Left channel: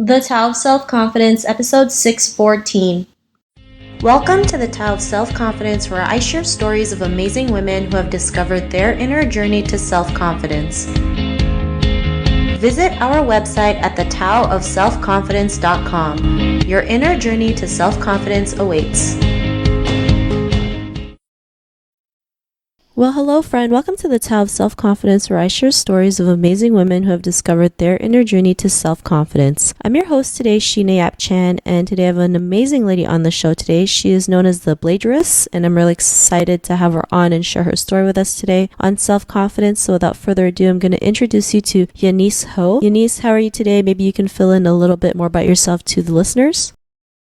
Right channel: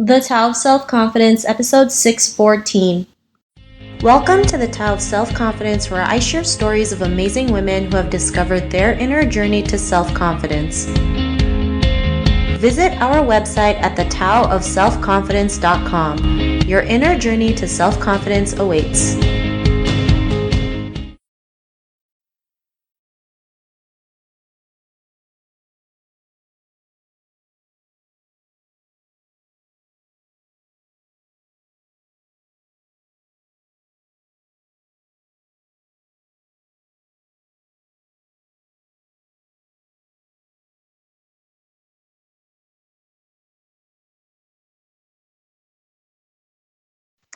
The Tao of Self Confidence, episode 614. Welcome to the Tao of Self Confidence, where I share stories of amazing women who have discovered their inner journey to self confidence. Visit our website at thetaoofselfconfidence.com. Your inner journey to self confidence awaits. Well, hello, friend. Welcome to the Tao of Self-Confidence, where I share stories of amazing women who have discovered their inner journey to self-confidence. I'm your host today, Shine Chan, and today I have an amazing lady on the show today. She is known as the Bladress, and I'm really excited to have her on and share her story with us today on self-confidence. So without further ado, I'm going to introduce you to Yanise Ho. Yanise, how are you today? Maybe you can fill in a little bit more about yourself to the listeners.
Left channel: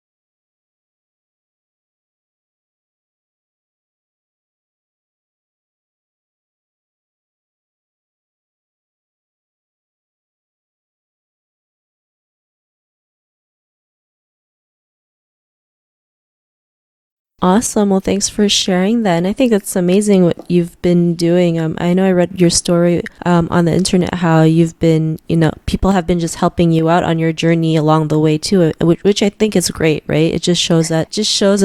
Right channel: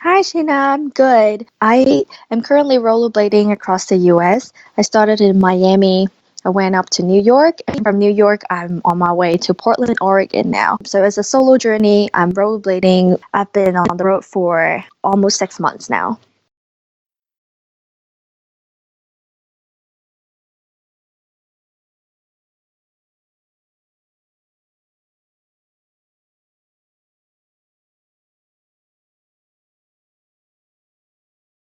Hi, Sheena. I'm good. I am currently rollerblading across the US. I started in Miami. I went up to New York, and from New York, I'm on my way to Portland, Oregon now. So it's a solo journey. I'm rollerblading. I've been on the road for almost 6 months now. Awesome. Well, thanks for sharing that. And I think that's amazing what you've been doing. I know I read your story on the internet, how you've been, people have been just helping you out on your journey along the way too, which I think is great, right? It just shows that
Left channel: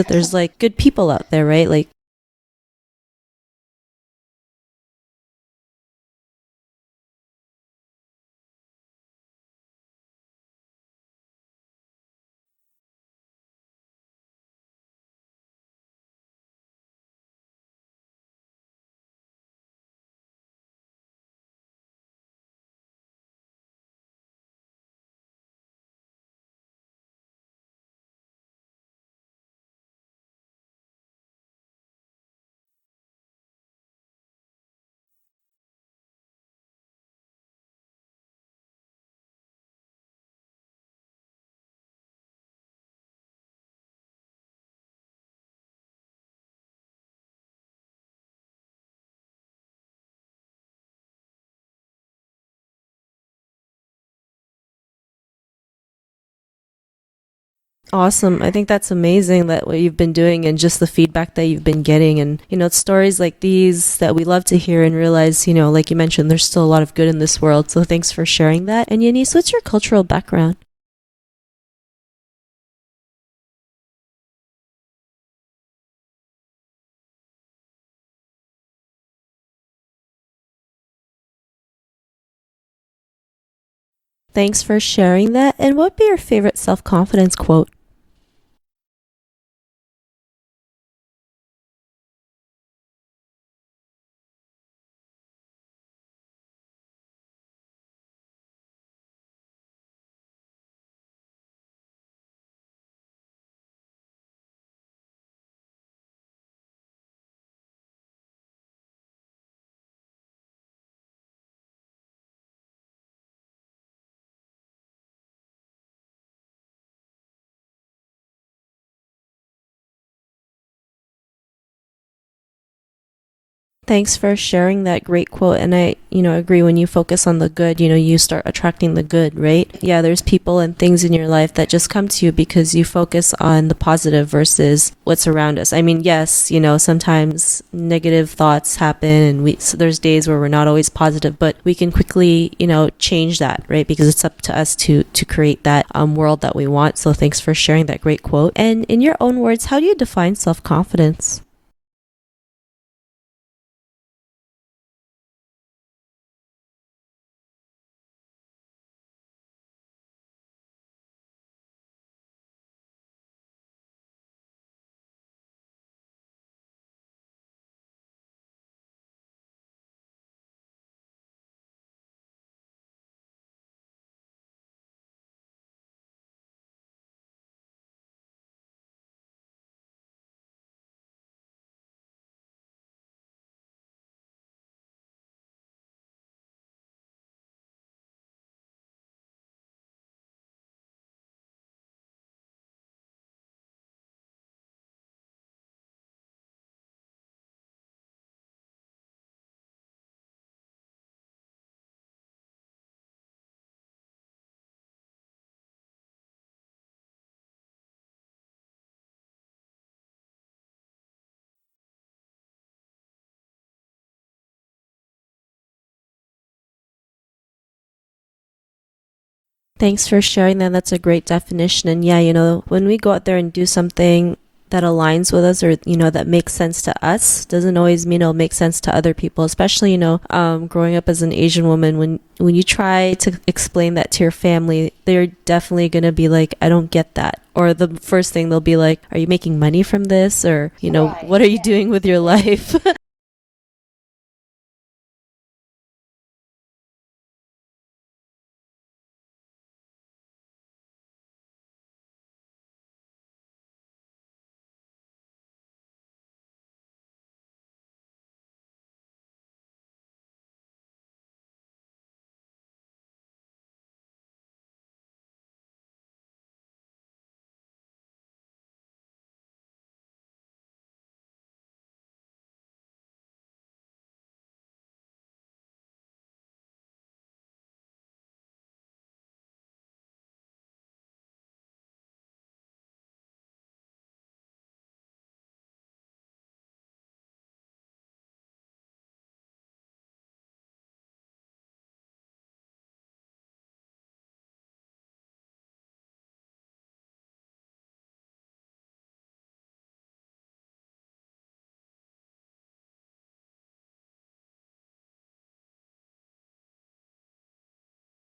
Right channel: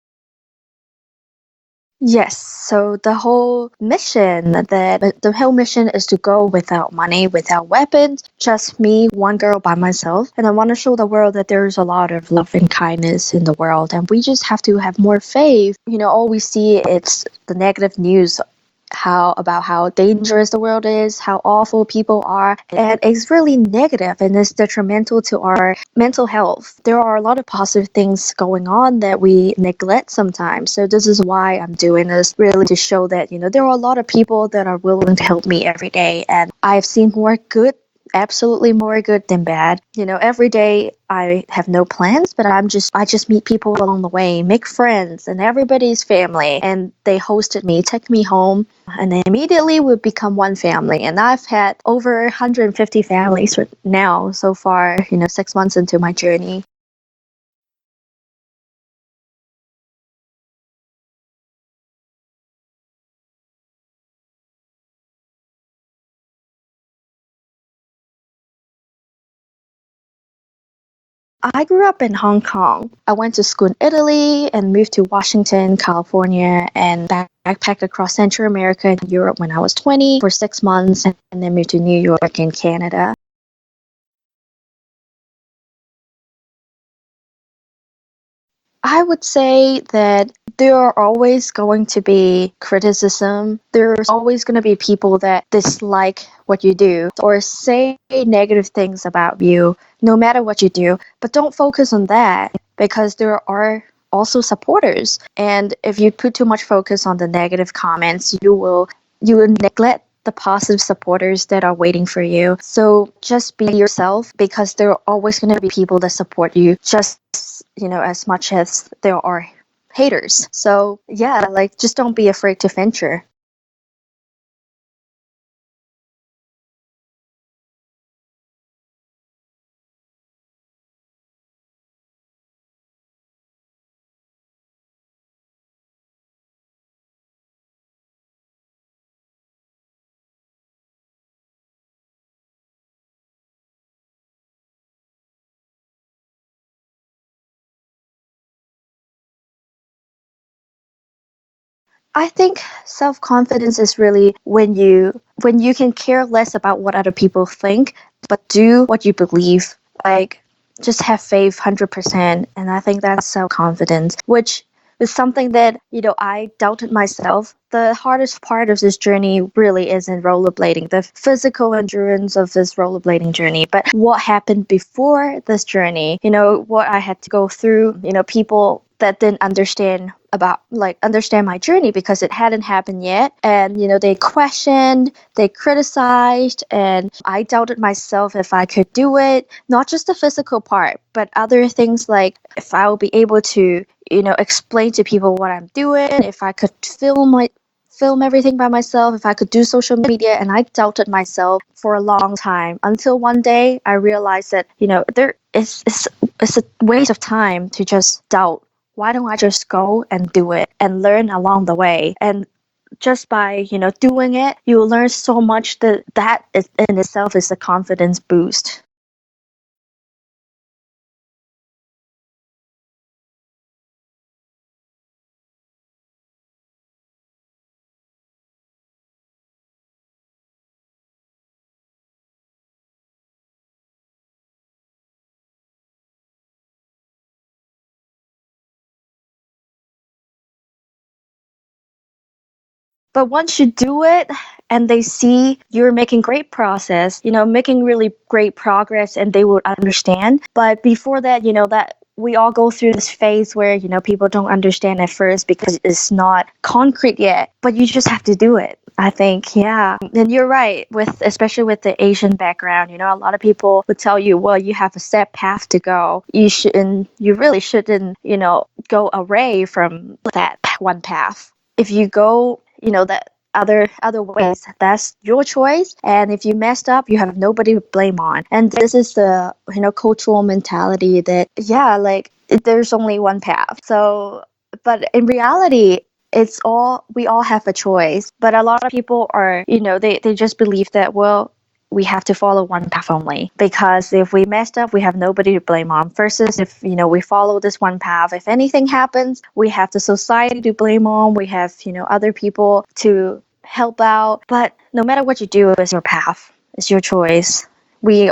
there's like good people out there, right? Like, Yes, so the whole mission is to go without money, without weapons, just me, one girl by myself. And I want to show the world that there's a lot of love and kindness in the world, and we just have to have more faith. All we see it's the negative news about how dangerous the world is, how awful people are, and it's really negative and it's detrimental to our mental health. There are a lot of positive things going on that we neglect sometimes. So this is why I'm doing this, really to show that, there are a lot of people that are willing to help me every day, and I've seen more good, absolutely more good than bad. Every day I have no plans, but I just meet people along the way, make friends, and everybody's family. And they hosted me, take me home, and then immediately we become one family. And I've had over 150 families now so far, 6 months into my journey. awesome. I think that's amazing that what you've been doing and just the feedback that you've been getting. And, it's stories like these that we love to hear and realize, like you mentioned, there's still a lot of good in this world. So thanks for sharing that. And Yanise, what's your cultural background? I grew up in Hong Kong. I went to school in Italy and moved to Washington, California, and backpacked across Central America and Europe when I was 20 for 6 months, and then moved to New York in Canada. Thanks for sharing that. And what would be your favorite self-confidence quote? I would say that there are always going to be criticism. There's always going to be people that dislike what you do or say negative things about you, no matter what you do. But don't focus on that, because there are also supporters. And if you put too much focus on the negative comments, you will neglect the positive supporters that are waiting for you. So just be yourself, because there are always going to be people that support you just, as much as there are haters. So yeah, just don't be afraid to venture. Thanks for sharing that great quote. And I, agree, when you focus on the good, you start attracting the good, right? Yeah, there's people and things in your life that just come to you because you focus on the positive versus what's around us. I mean, yes, sometimes negative thoughts happen and so there's days where we're not always positive, but we can quickly, change that, right? Because it's up to us to create that world that we want. So thanks for sharing that great quote. And in your own words, how do you define self-confidence? I think self-confidence is really when you can care less about what other people think, but do what you believe. Like, just have faith 100%. And I think that's self-confidence, which is something that, I doubted myself. The hardest part of this journey really is in rollerblading, the physical endurance of this rollerblading journey. But what happened before this journey, what I had to go through, people that didn't understand my journey because it hadn't happened yet. And, they questioned, they criticized, and I doubted myself if I could do it. Not just the physical part, but other things like if I will be able to, explain to people what I'm doing, if I could film everything by myself, if I could do social media. And I doubted myself for a long time until one day I realized that, there is it's a waste of time to just doubt. Why don't I just go and do it and learn along the way? And just by, doing it, you will learn so much that is, in itself is a confidence boost. Thanks for sharing that. That's a great definition. And yeah, when we go out there and do something that aligns with us, or that makes sense to us, doesn't always mean it'll make sense to other people, especially growing up as an Asian woman. When you try to explain that to your family, they're definitely going to be like, I don't get that. Or the first thing they'll be like, are you making money from this? Or Right. what are you doing with your life? But once you do it and they see you're making great process, making really great progress, and they would understand. But before that, that we all go through this phase where, people don't understand at first because it's not concrete yet, but you just have to do it. I think, yeah. And you're right, especially with the Asian background, a lot of people would tell you, well, you have a set path to go. You really shouldn't, go away from that one path. If you go, that other ways, that's your choice. And if you messed up, you have nobody to blame on. And this is the, cultural mentality that, yeah, like there's only one path. So, but in reality, we all have a choice. But a lot of people are, they just believe that, well, we have to follow one path only, because if we messed up, we have nobody to blame on, versus if we follow this one path, if anything happens, we have the society to blame on, we have other people to help out. But no matter what you do, it's your path, it's your choice. We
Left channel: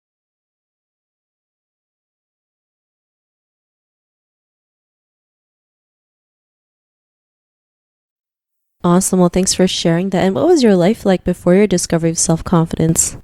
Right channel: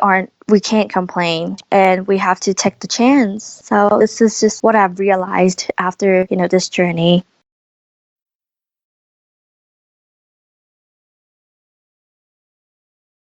can't complain, and we have to take the chance. So this is just what I've realized after this journey. Awesome. Well, thanks for sharing that. And what was your life like before your discovery of self-confidence?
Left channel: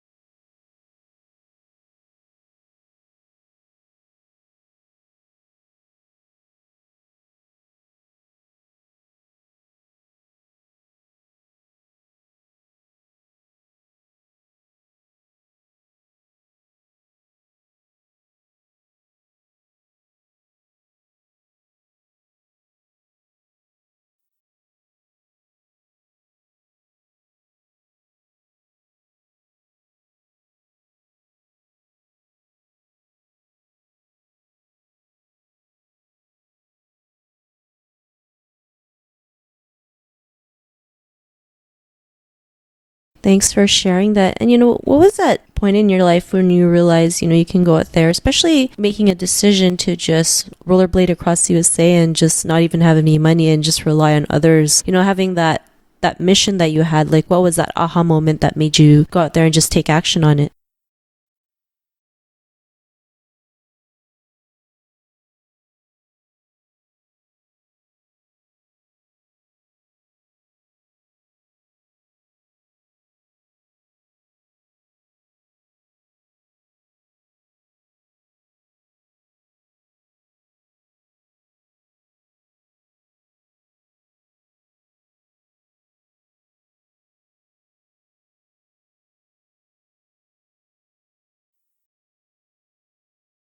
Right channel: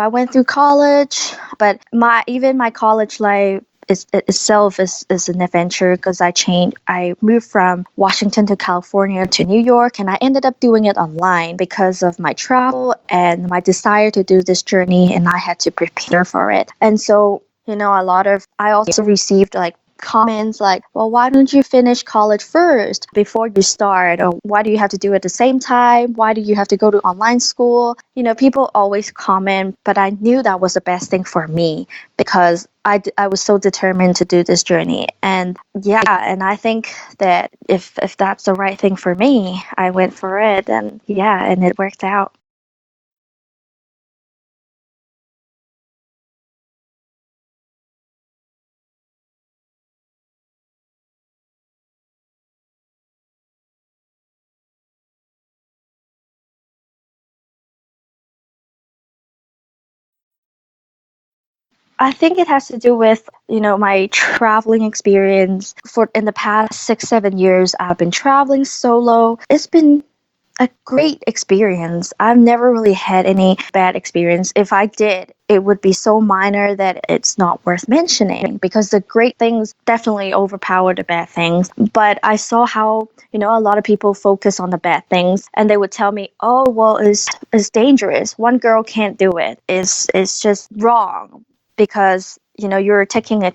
I went through college, but my college life itself is an adventure, because I moved from Washington to California to New York, and I ended up doing it online because of my travel and my desire to do this journey, and I had to prepare for it. And so, I also received like comments like, well, why don't you finish college first before you start? Or why do you have to do it at the same time? Why do you have to go to online school? People always comment, but I knew that was the best thing for me, because I was so determined to do this journey. And yeah, and I think that if that's the right thing for me, I went for it, and yeah, and it worked out. Thanks for sharing that. And what was that point in your life when you realized, you can go out there, especially making a decision to just rollerblade across the USA and just not even have any money and just rely on others, having that mission that you had? Like, what was that aha moment that made you go out there and just take action on it? I think it has to do with, my traveling experience. In the past 6-7 years, I've been traveling solo. It's been a great experience. I've never really had any bad experience. If I did, it would be so minor that it's not worth mentioning, because the great things definitely overpower the bad things. But I saw how, a lot of people focus on the bad things, and they would tell me, oh, well, it's dangerous. One girl can't do it. It's just wrong, because, you're taking a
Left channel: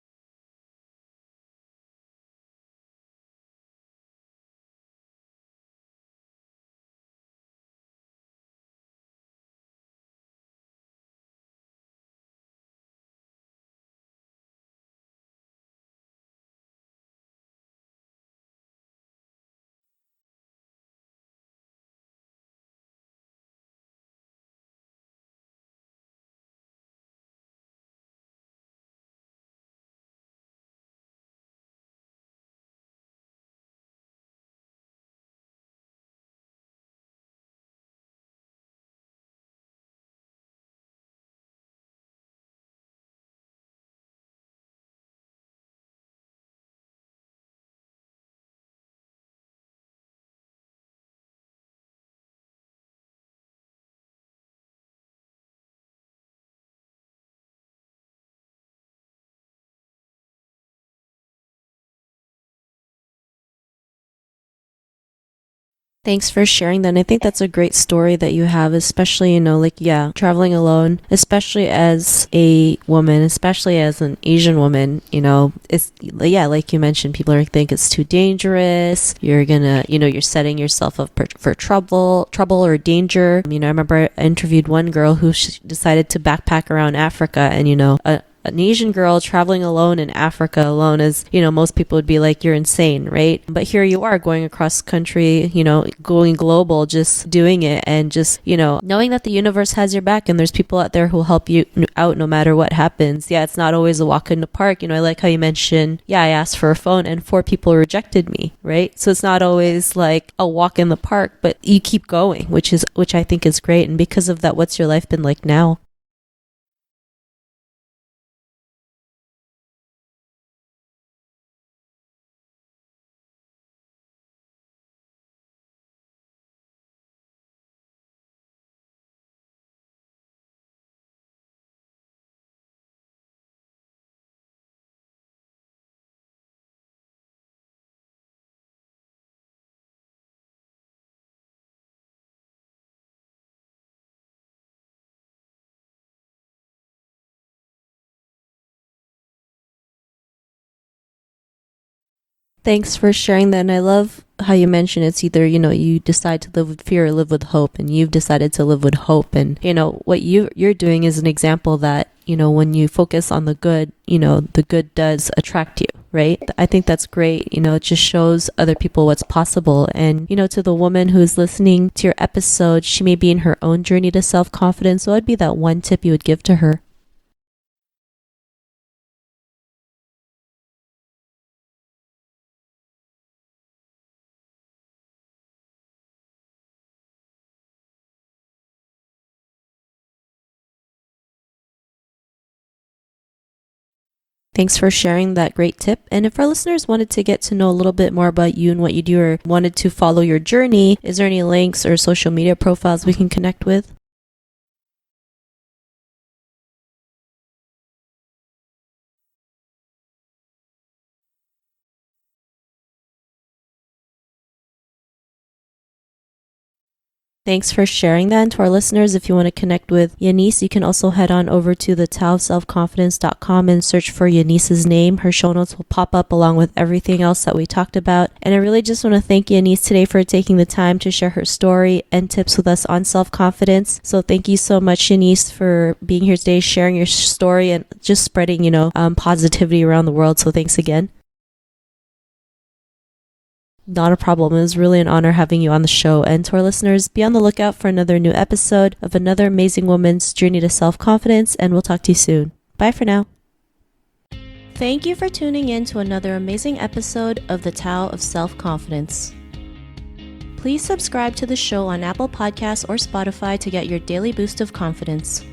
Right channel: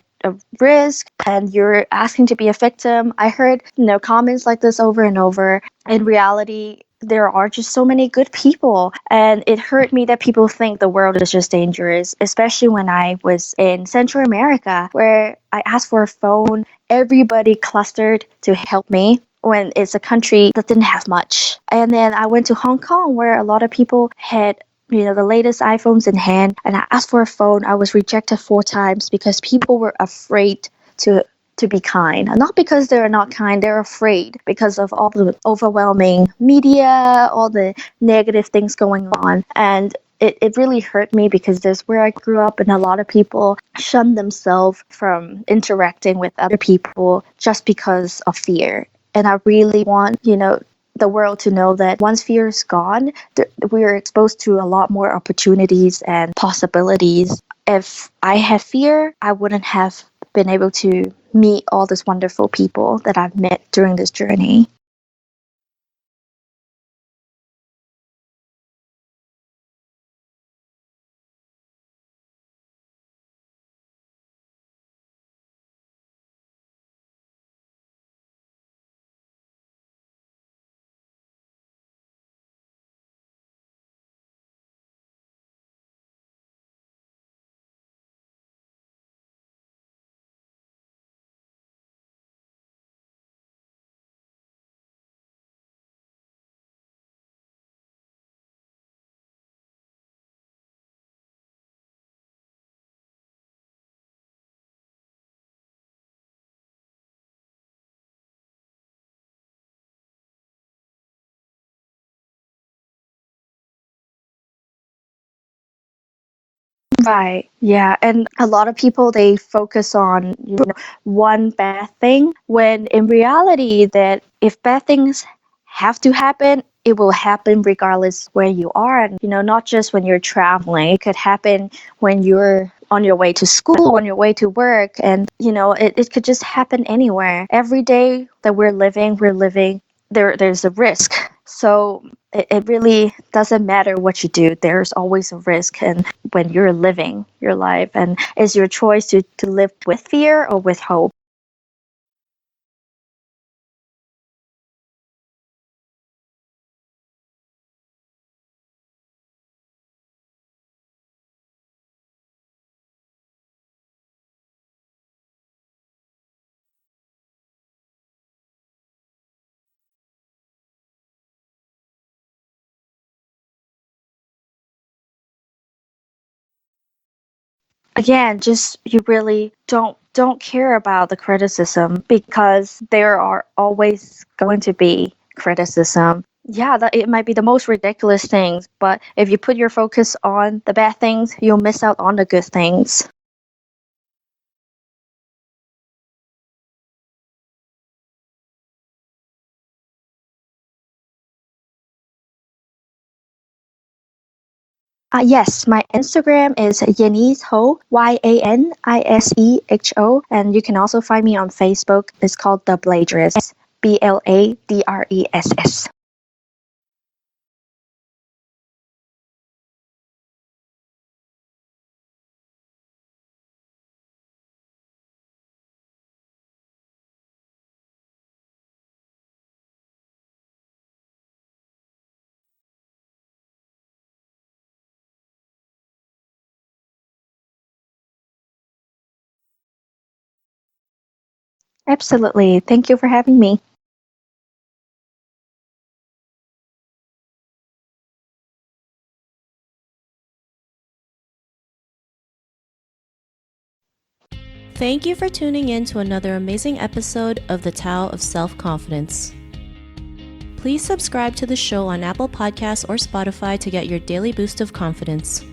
risk and you're asking to be a victim. I heard, comments like this over and over. In reality, there are just so many good people, and it hurt me that people think the world is just dangerous, especially when I was in Central America, where I asked for a phone. Everybody clustered to help me when it's a country that didn't have much. And then I went to Hong Kong, where a lot of people had the latest iPhones in hand, and I asked for a phone. I was rejected 4 times because people were afraid to be kind. And not because they're not kind, they're afraid because of all the overwhelming media, all the negative things going on. And it really hurt me, because that's where I grew up, and a lot of people shun themselves from interacting with other people just because of fear. And I really want, the world to know that once fear is gone, we are exposed to a lot more opportunities and possibilities. If I had fear, I wouldn't have been able to meet all these wonderful people that I've met during this journey. Thanks for sharing that. And I think that's a great story that you have, especially, traveling alone, especially as a woman, especially as an Asian woman, it's, like you mentioned, people think it's too dangerous. You're gonna, you're setting yourself up for trouble or danger. I remember I interviewed one girl who decided to backpack around Africa, and, an Asian girl traveling alone in Africa alone is, most people would be like, you're insane, right? But here you are going across country, going global, just doing it, and just, knowing that the universe has your back and there's people out there who will help you out no matter what happens. Yeah, it's not always a walk in the park. I like how you mentioned, I asked for a phone and 4 people rejected me, right? So it's not always like a walk in the park, but you keep going, which I think is great. And because of that, what's your life been like now? Right. Yeah. And a lot of people, they focus on, one bad thing, when in reality that if bad things have to happen, it will happen regardless where you are. And, not just when you're traveling, it could happen when you're on your way to school, on your way to work. And, it could just happen anywhere. Every day that we're living, there's a risk. So it really doesn't matter what you do. There's always a risk. And when you're living your life, and it's your choice to live with fear or with hope. Thanks for sharing that. And I love how you mentioned it's either, you decide to live with fear or live with hope, and you've decided to live with hope. And, what you're doing is an example that, when you focus on the good, the good does attract you, right? I think that's great. It just shows other people what's possible. And, to the woman who's listening to your episode, she may be in her own journey to self-confidence. So what'd be that one tip you would give to her? Again, just you really don't care about the criticism, because there are always going to be criticism. Yeah, it might be the most ridiculous things, but if you put your focus on the bad things, you'll miss out on the good things. Thanks for sharing that great tip. And if our listeners wanted to get to know a little bit more about you and what you do, or wanted to follow your journey, is there any links or social media profiles we can connect with? Yes, my Instagram is Yanise Ho, YANISEHO, and you can also find me on Facebook. It's called the Bladress, BLADRESS. Thanks for sharing that. And to our listeners, if you want to connect with Yanise, you can also head on over to the taoofselfconfidence.com and search for Yanise's name. Her show notes will pop up along with everything else that we talked about. And I really just want to thank Yanise today for taking the time to share her story and tips with us on self-confidence. So thank you so much, Yanise, for being here today, sharing your story and just spreading, positivity around the world. So thanks again. Absolutely. Thank you for having me. Not a problem. It was really an honor having you on the show. And to our listeners, be on the lookout for another new episode of another amazing woman's journey to self-confidence, and we'll talk to you soon. Bye for now. Thank you for tuning in to another amazing episode of the Tao of Self-Confidence. Please subscribe to the show on Apple Podcasts or Spotify to get your daily boost of confidence.